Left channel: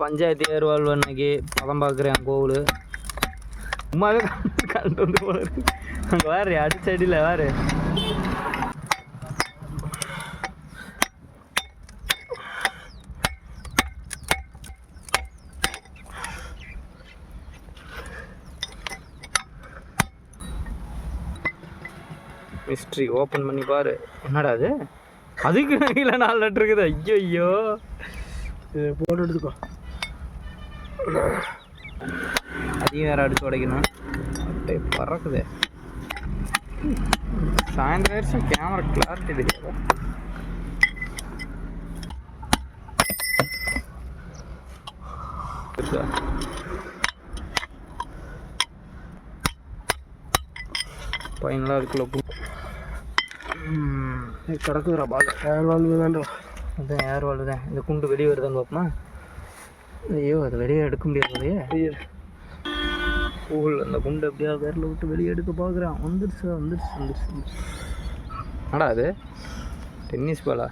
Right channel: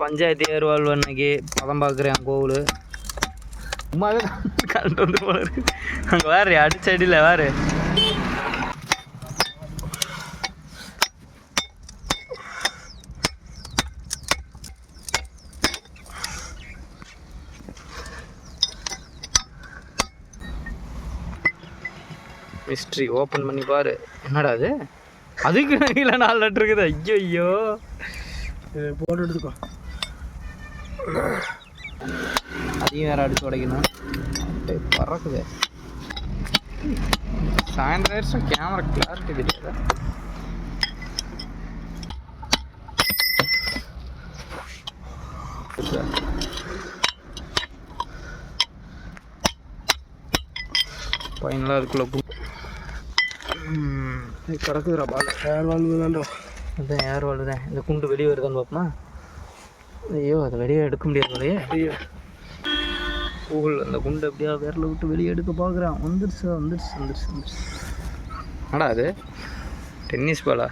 பஞ்சாயத்து ஏறுவாழ்வு அன்னைக்கு பதம் பார்க்குறேன் கோவில் சும்மாவே கரண்ட் வந்து போல இருக்கு. அங்கே வேறு அடிச்ச அடியில் வேறு மிஸ்ட்ரி ஓப்பன் பண்ணி பாரு. என்னடா அது? அதுக்கு கீழே 4 லெட்டர் இருக்குது. ஐயோ ஐயோ, போட்டு எடுத்துக்கோ. அதையும் வேறு அடிச்சு உடைக்கணும். அட்டை பறக்குது. சாயந்தரம் வருஷம் கேமரா கிளாரிட்டி தெரியாதா? ஃபைனலாக அதுக்குள்ளே கிடக்குதுரா பால். ஏர் வால்வு தான்டா. அதுதான் ஏர் வால்வு தான். இந்த குண்டு வெளியே வருதான்னு பார்ப்போமா? ஐயோ, அதை வெளியே எடுக்க முடியாது இல்லையே. ஐயோ, கூகுள் அந்த குண்டு எப்படியா விரல விட்டு வெளியே எடுக்க பார்க்குறான். வந்துடுச்சு. ஆடா அது டென்னிஸ் பாலா?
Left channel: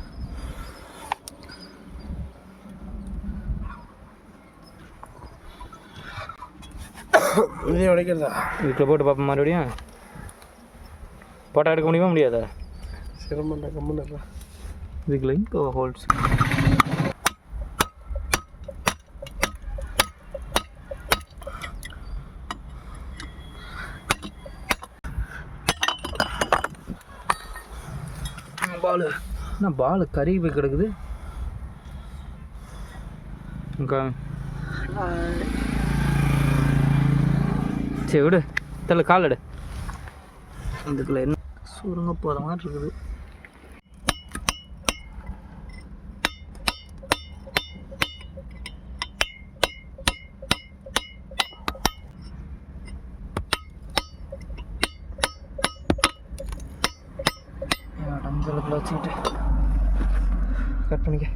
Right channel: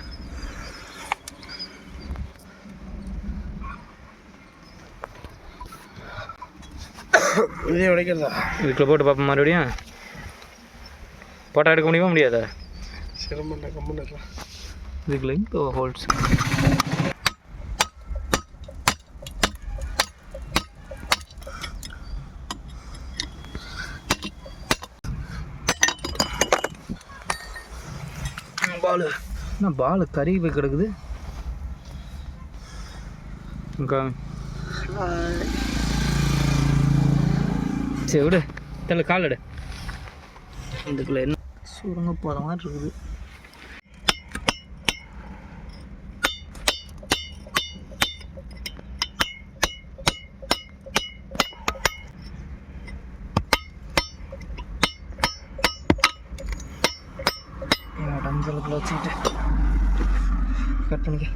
இதே உடைக்கிறதா? இதுக்குள்ளே போட்டு பார்ப்போம். மறுபடியும் போட்டோ எடுக்க முடியுமா? முடியாதா? சிரமம் கம்முன்னு. இதுக்குள்ள இங்கே ஹோல்ஸ். பால் என்ன பால் கருகி போய் கிடக்குது. சரி விடு, தெரியல கால் எடு. இதுக்குள்ள என்ன சுருங்க போகிற மாதிரி இருக்குது. டம்சலுக்குள்ள வச்சுக்கிட்டு கட் பண்ணிக்க.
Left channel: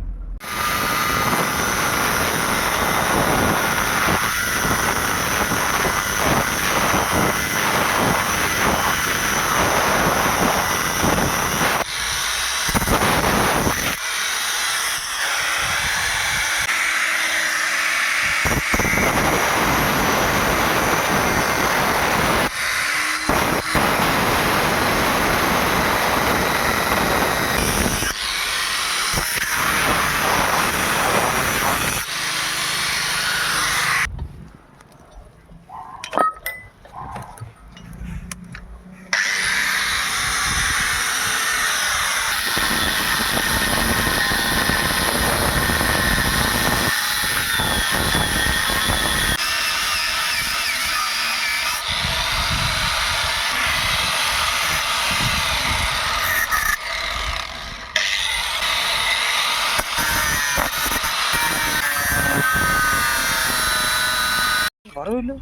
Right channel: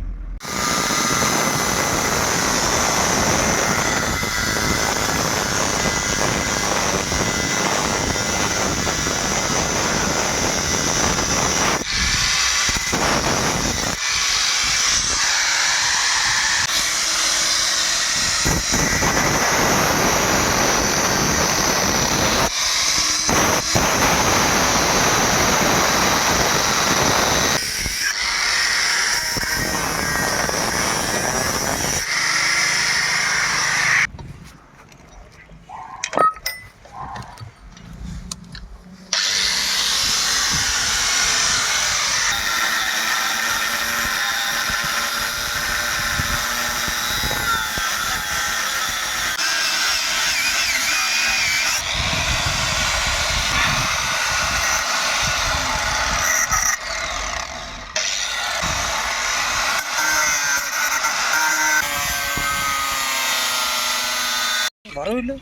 வரவில்லை.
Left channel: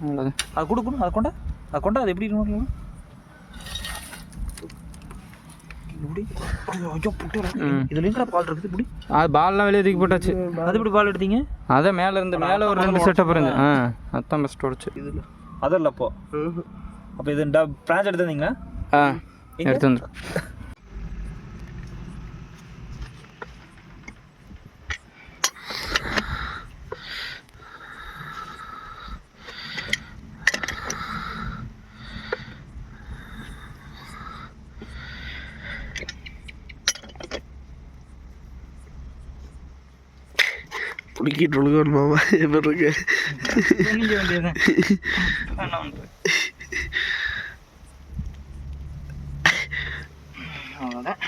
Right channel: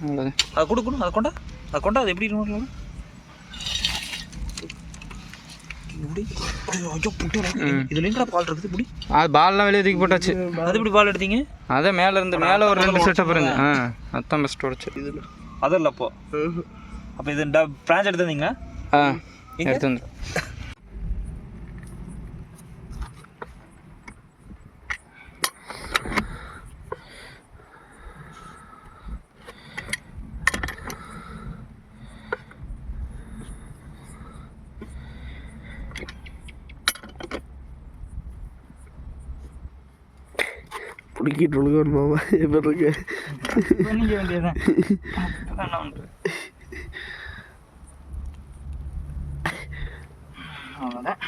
அவ்வளோதான். அது கொடுக்கணும். அதை கொண்டா அது எப்படி இருக்கணும்? இதுல பால் இருக்குது. இப்படி அது பால்லாம் வெளியே தூக்கி போட்டாச்சு. அது எப்படி பால் எடுத்தீங்க? அதான் மேலே இருந்து மேலே ஒரு 2 செட்டப் இருந்து. அதான் பெஸ்ட் உடச்சு. இது அதில்ல. அப்போ இது பிரான்ச் எடுத்து வந்தீங்களா? எடுத்து வந்து பிடிக்கிட்டு ஒழுங்கான் மாமா. எப்படி இருக்கு? அவ்வளோதான்.